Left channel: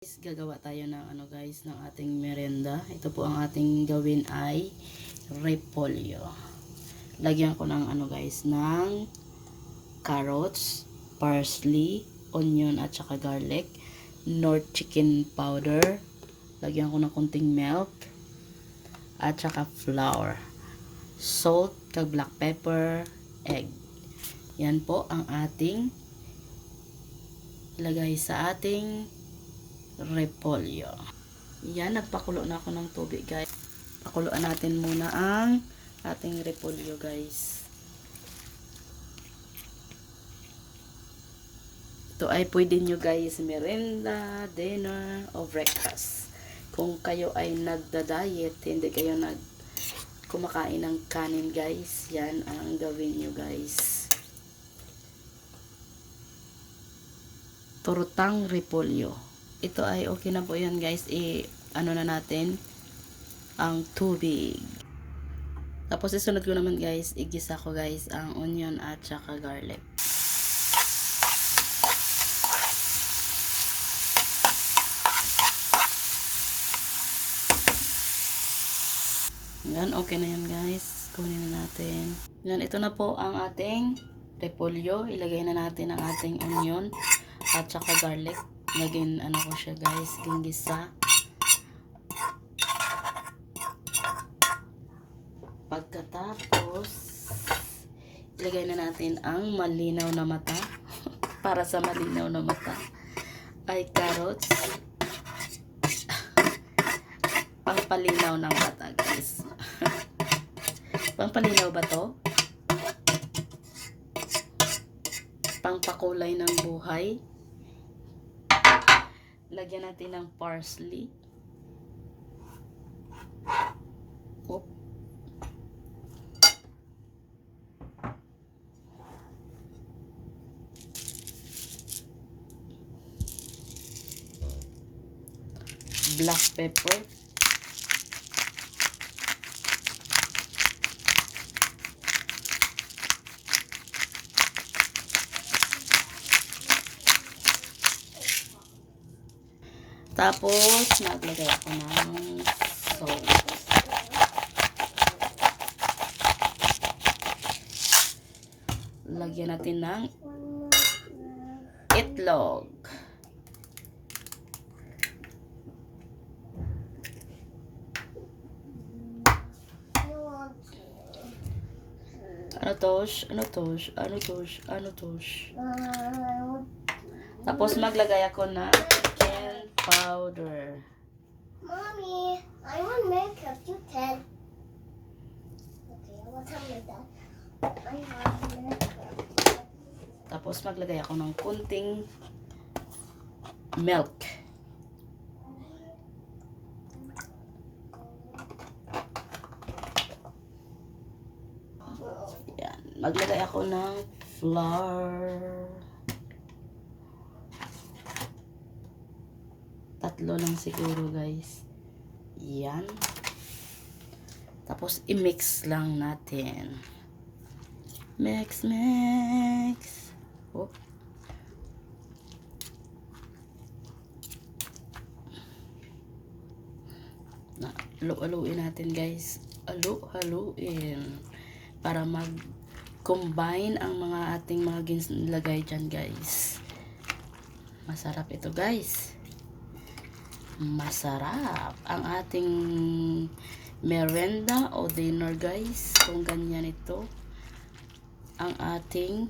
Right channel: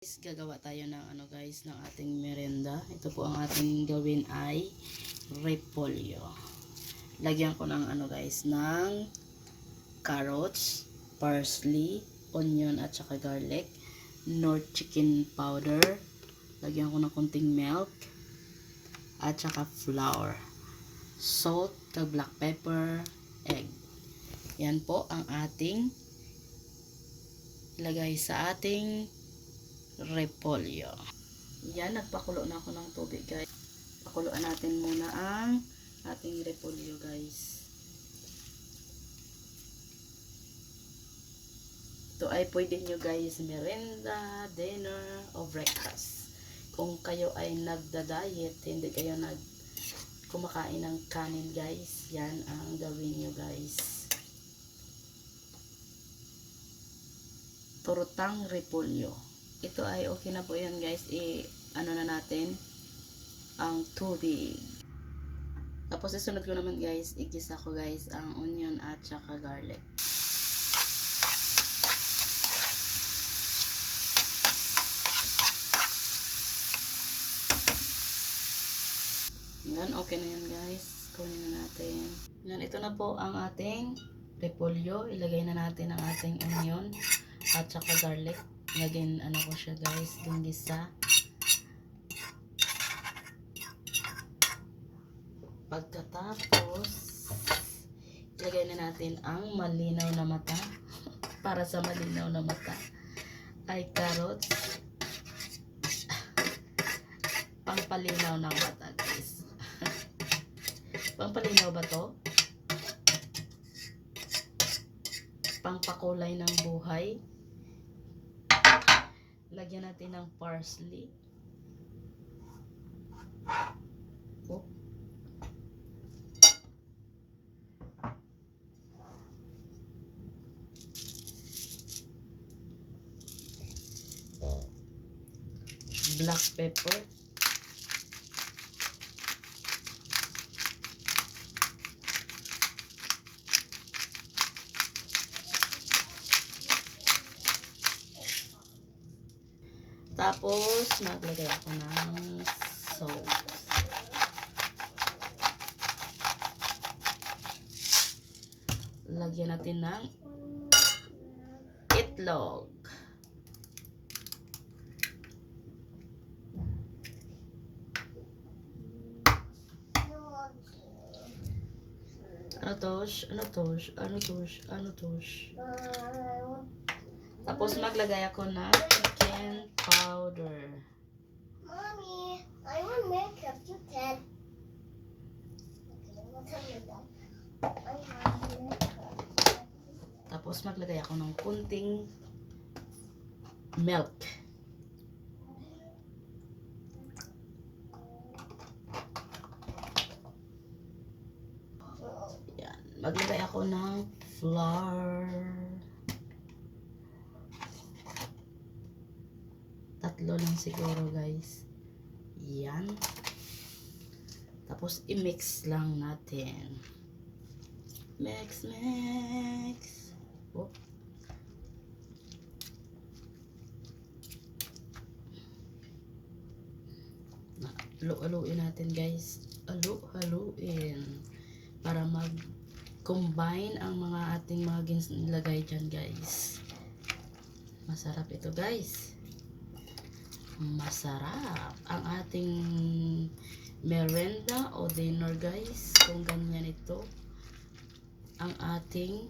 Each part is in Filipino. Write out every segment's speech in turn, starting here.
Guys, gagawa tayo ng ano guys ng ating merenda. Ito po ang ating gawin ay repolyo. Lagyan ko ng ano guys ng carrots, parsley, onion at saka garlic, nor chicken powder. Lagyan ko ng konting milk at saka flour, salt, kag black pepper, egg. Yan po ang ating ilagay sa ating repolyo. Yan, nagpakulo na ako ng tubig, guys. Pakuluan natin muna ang ating repolyo, guys. Ito ay pwede nyo, guys, merenda, dinner, o breakfast. Kung kayo ay nagda-diet, hindi kayo nag kumakain ng kanin, guys. Yan ang gawin nyo, guys. Turutang repolyo ito ay okay na po yan guys. I ano na natin ang tubig. Tapos isunod ko naman guys igisa ko guys ang onion at saka garlic. Yan okay na yan guys. Kunin na natin. Yan ito na po ang ating repolyo. Ilagay na natin ang ating onion at saka garlic Lagyan ano ko siya guys, ginggisa. Pagkatapos, ilagay na natin ang malinaw na mata. Para sa malinaw na mata ay carrots. Pangpalinaw ng mata guys. Pangpalinaw ba to? Pangpakulay ng buhay lagyan natin ng parsley. Oop. Black pepper. Tapos, naglagay ako ng salt. Lagyan natin ng itlog. Ano tosh? Ano tosh? Ano tosh? Ano tosh? Tapos maglagay ako ng powder. Mommy, I want makeup. You can. Okay, what time is that? I have makeup. Tapos maglagay ako ng kunting milk. Yan. Maglagay ako ng flour. Tatlo lang siguro guys. Yan. Tapos i-mix lang natin. Mix, mix. Oh. Na, alo-aloin natin guys. Alo-aloin. Para mag combine ang mga ating mga ginlagay dyan guys. Masarap ito guys. Masarap ang ating merenda o dinner guys. Kung ganyan ito ang ating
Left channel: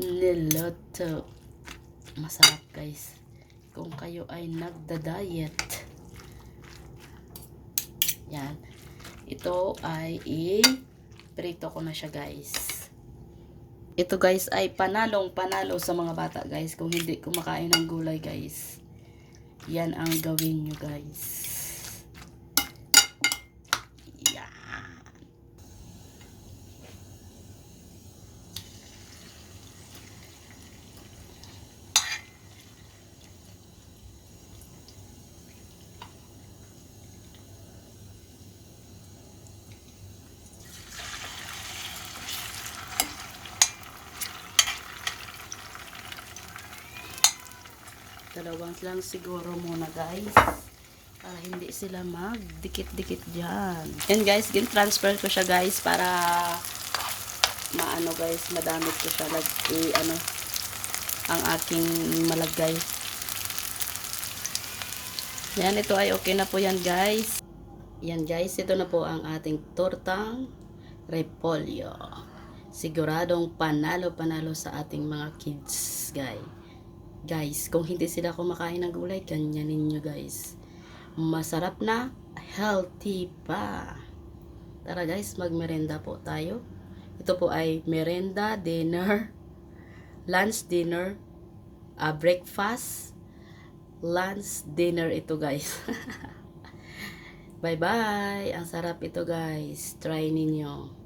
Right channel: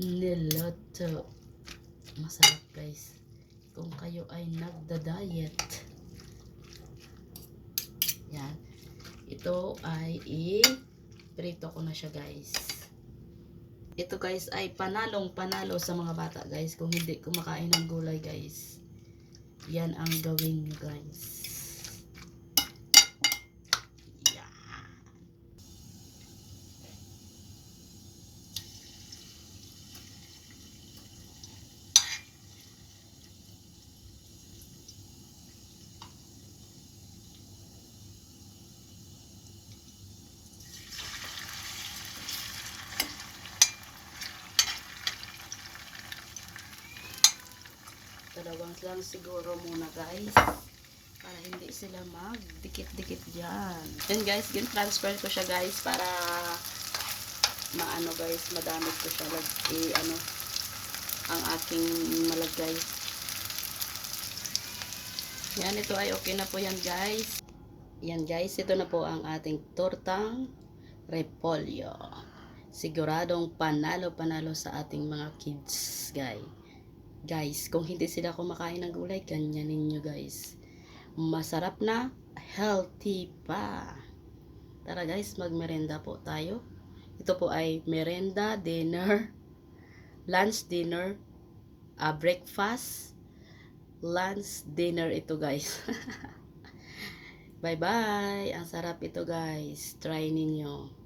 niloto. Masarap guys. Kung kayo ay nagda-diet. Yan. Ito ay i-prito ko na siya guys. Ito guys ay panalong panalo sa mga bata guys. Kung hindi kumakain ng gulay guys. Yan ang gawin nyo guys. Yan. Ito Dalawang lang siguro muna guys. Para hindi sila magdikit-dikit dyan. Yan guys, gin-transfer ko siya guys para maano guys, madamit ko siya. Lag, eh, ano, ang aking malagay. Yan, ito ay okay na po yan guys. Yan guys, ito na po ang ating tortang repolyo. Siguradong panalo-panalo sa ating mga kids, guys. Guys, kung hindi sila kumakain ng gulay, ganyanin nyo guys. Masarap na, healthy pa. Tara guys, magmerenda po tayo. Ito po ay merenda, dinner, lunch, dinner, ah, breakfast, lunch, dinner ito guys. Bye-bye! Ang sarap ito guys. Try ninyo.